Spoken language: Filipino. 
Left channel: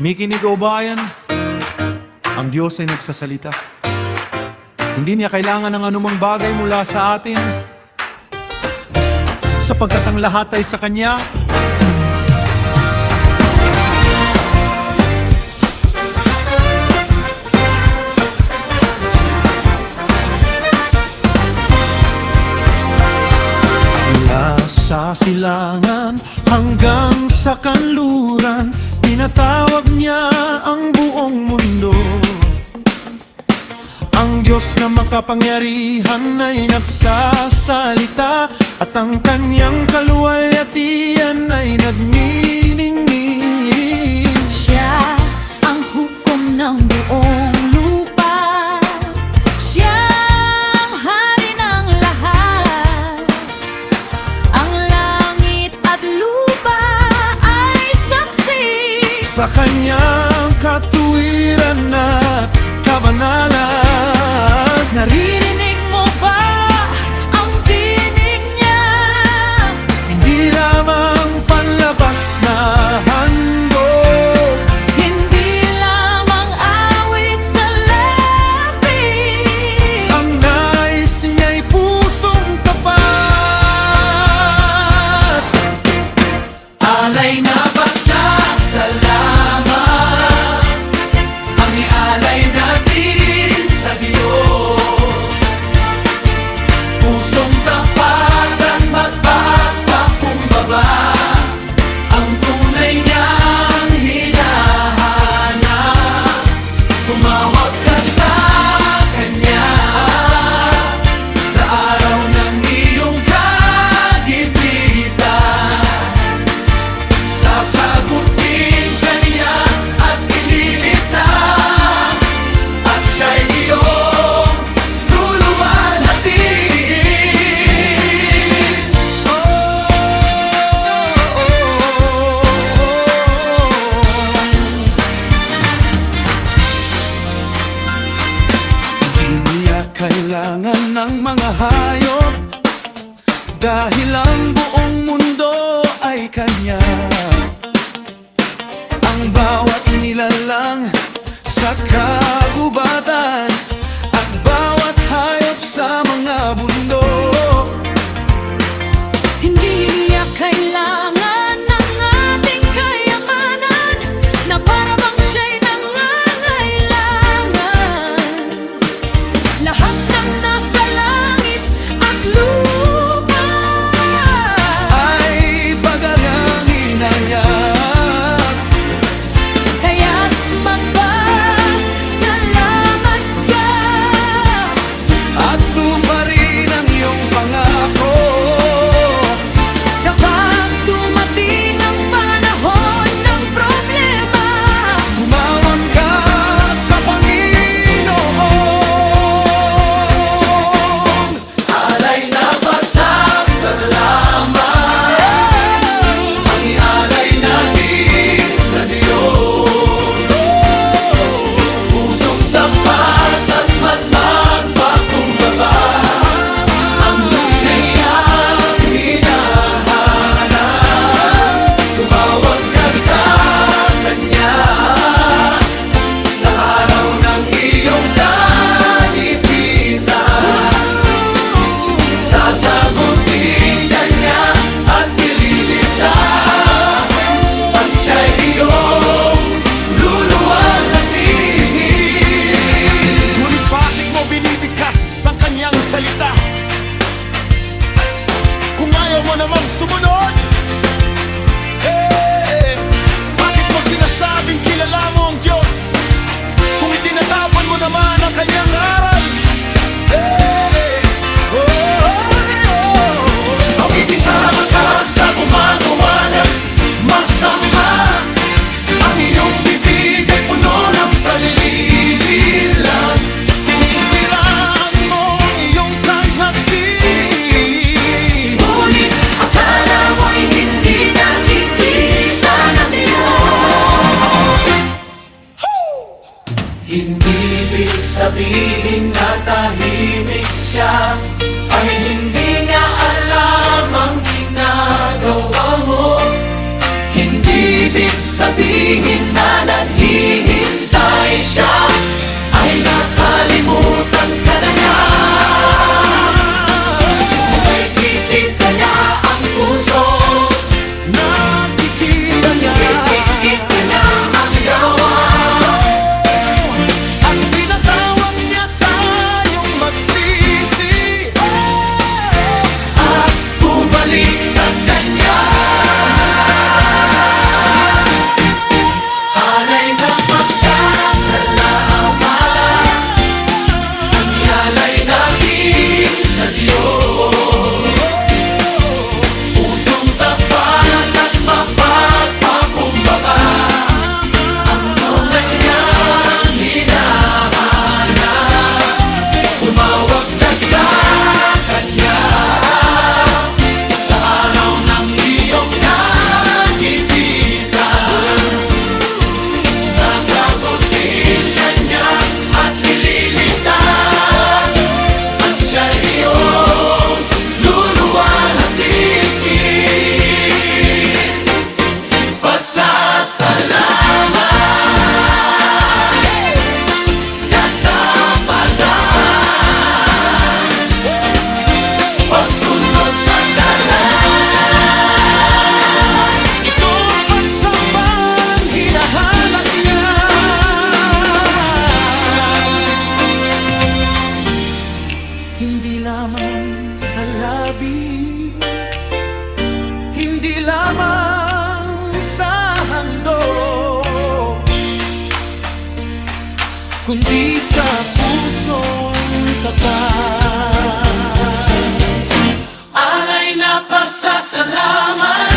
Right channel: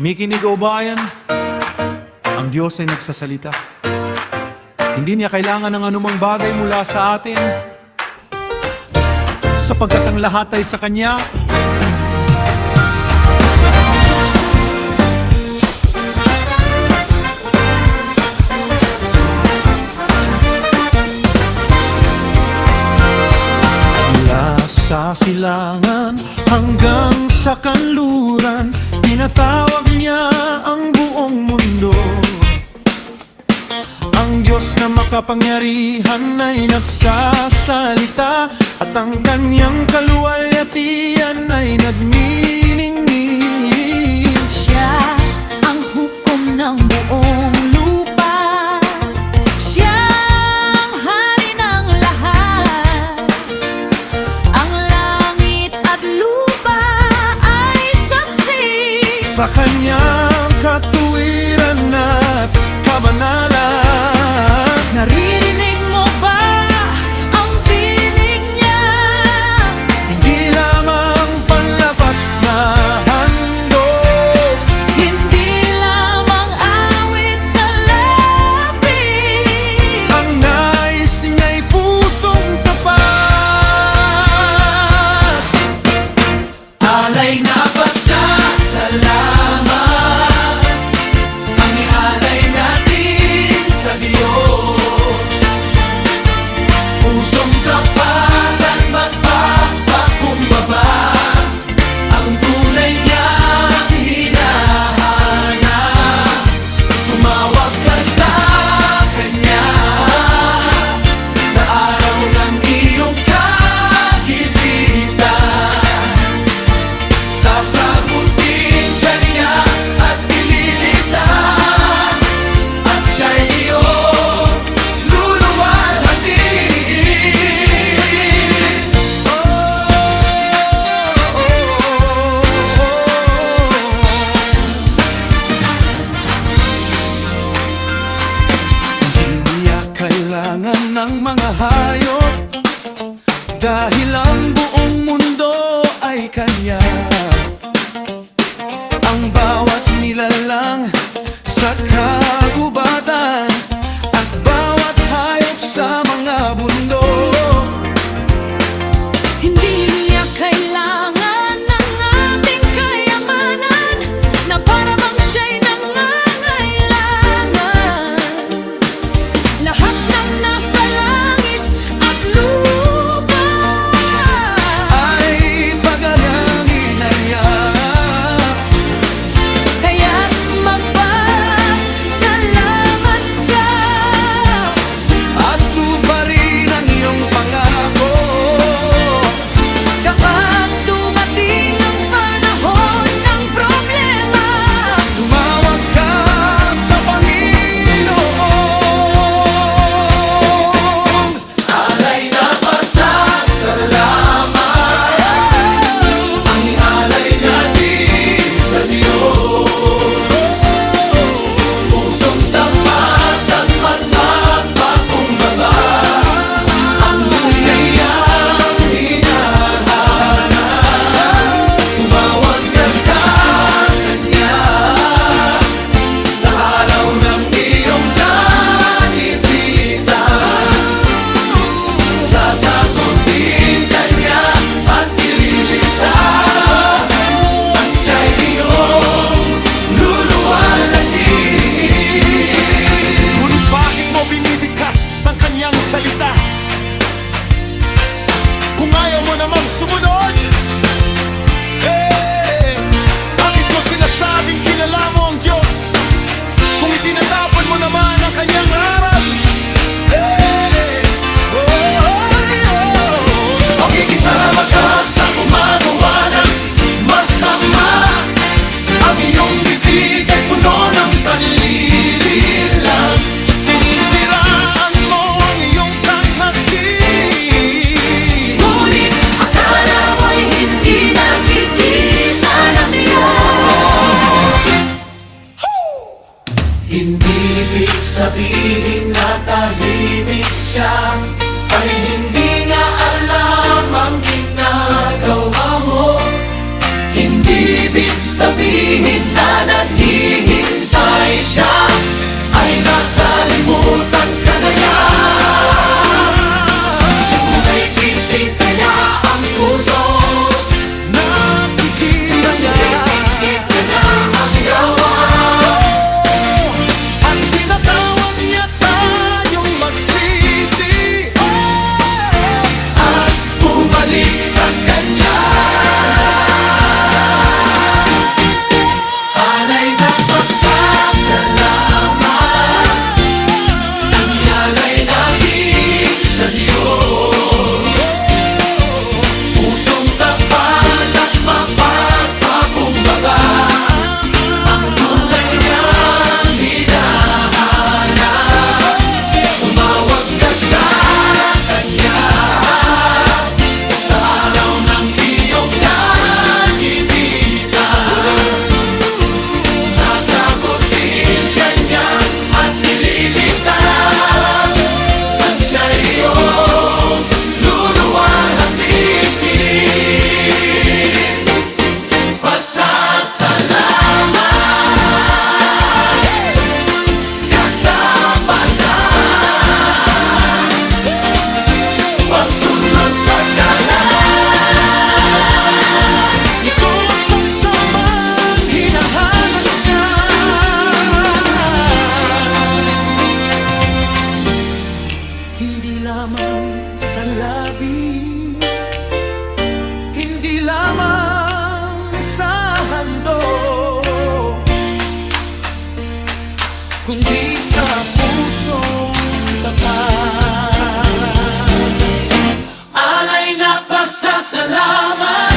Mikinig o bayan, ang Diyos ay nagsasalita. Hindi niya kailangan ng anumang bagay mula sa atin, sapagkat ang lahat ay sa Kanya. Mula sa silangan hanggang sa kanluran, tinatawag niya ang buong mundo. Ang Diyos na makapangyarihan ay nagsasalita, at ang Kanyang kaluwalhatian ay nagniningning. Siya ang hukom ng buong lupa, Siya ang hari ng lahat. Ang langit at lupa ay saksi Sa Kanyang katuwiran at kabanalan. Naririnig mo ba ang tinig niya? Hindi lamang panlabas na handog, Hindi lamang awit sa labi. ang nais niya'y pusong tapat. Alay na pasasalamat ang ialay natin sa Diyos. Pusong tapat at magpagpakumbaba, ang tunay niyang hinahanap. Tumawag ka sa Kanya sa araw ng iyong kagipitan. Sasagutin ka niya at ililigtas, at siya'y iyong luluwalhatiin. Hindi niya kailangan ng mga hayop, dahil ang buong mundo ay Kanya. Ang bawat nilalang sa kagubatan, at bawat hayop sa mga bundok. Hindi niya kailangan ng ating kayamanan, na para bang siya'y nangangailangan. Lahat ng nasa langit at lupa Ay pagalangin ang yak, kaya't magpasalamat ka. at tuparin ang iyong pangako. Kapag dumating ang panahon ng problema, Tumawag ka sa Panginoon. Alay na pasasalamat ang ialay natin sa Diyos. Pusong tapat at magpapakumbaba, ang tunay niyang hinahanap. Tumawag ka sa Kanya sa araw ng iyong kagipitan. Sasagutin ka niya at ililigtas, at siya'y iyong luluwalhatiin. Ngunit bakit mo binibigkas ang Kanyang salita, kung ayaw mo namang sumunod? Bakit mo sinasabing kilala mo ang Diyos, kung itinatapon mo naman ang Kanyang aral? Makikisama ka sa gumagawa ng masama, ang iyong bibig ay puno ng panlilinlang. Sinisiraan mo ang iyong tanghati, ngunit akala mo'y hindi nakikita ng Diyos. Hindi ibig sabihin na tahimik siya, ay hindi niya alam ang ginagawa mo. Hindi ibig sabihin na kundi sa pusong tapat. Alay na pasasalamat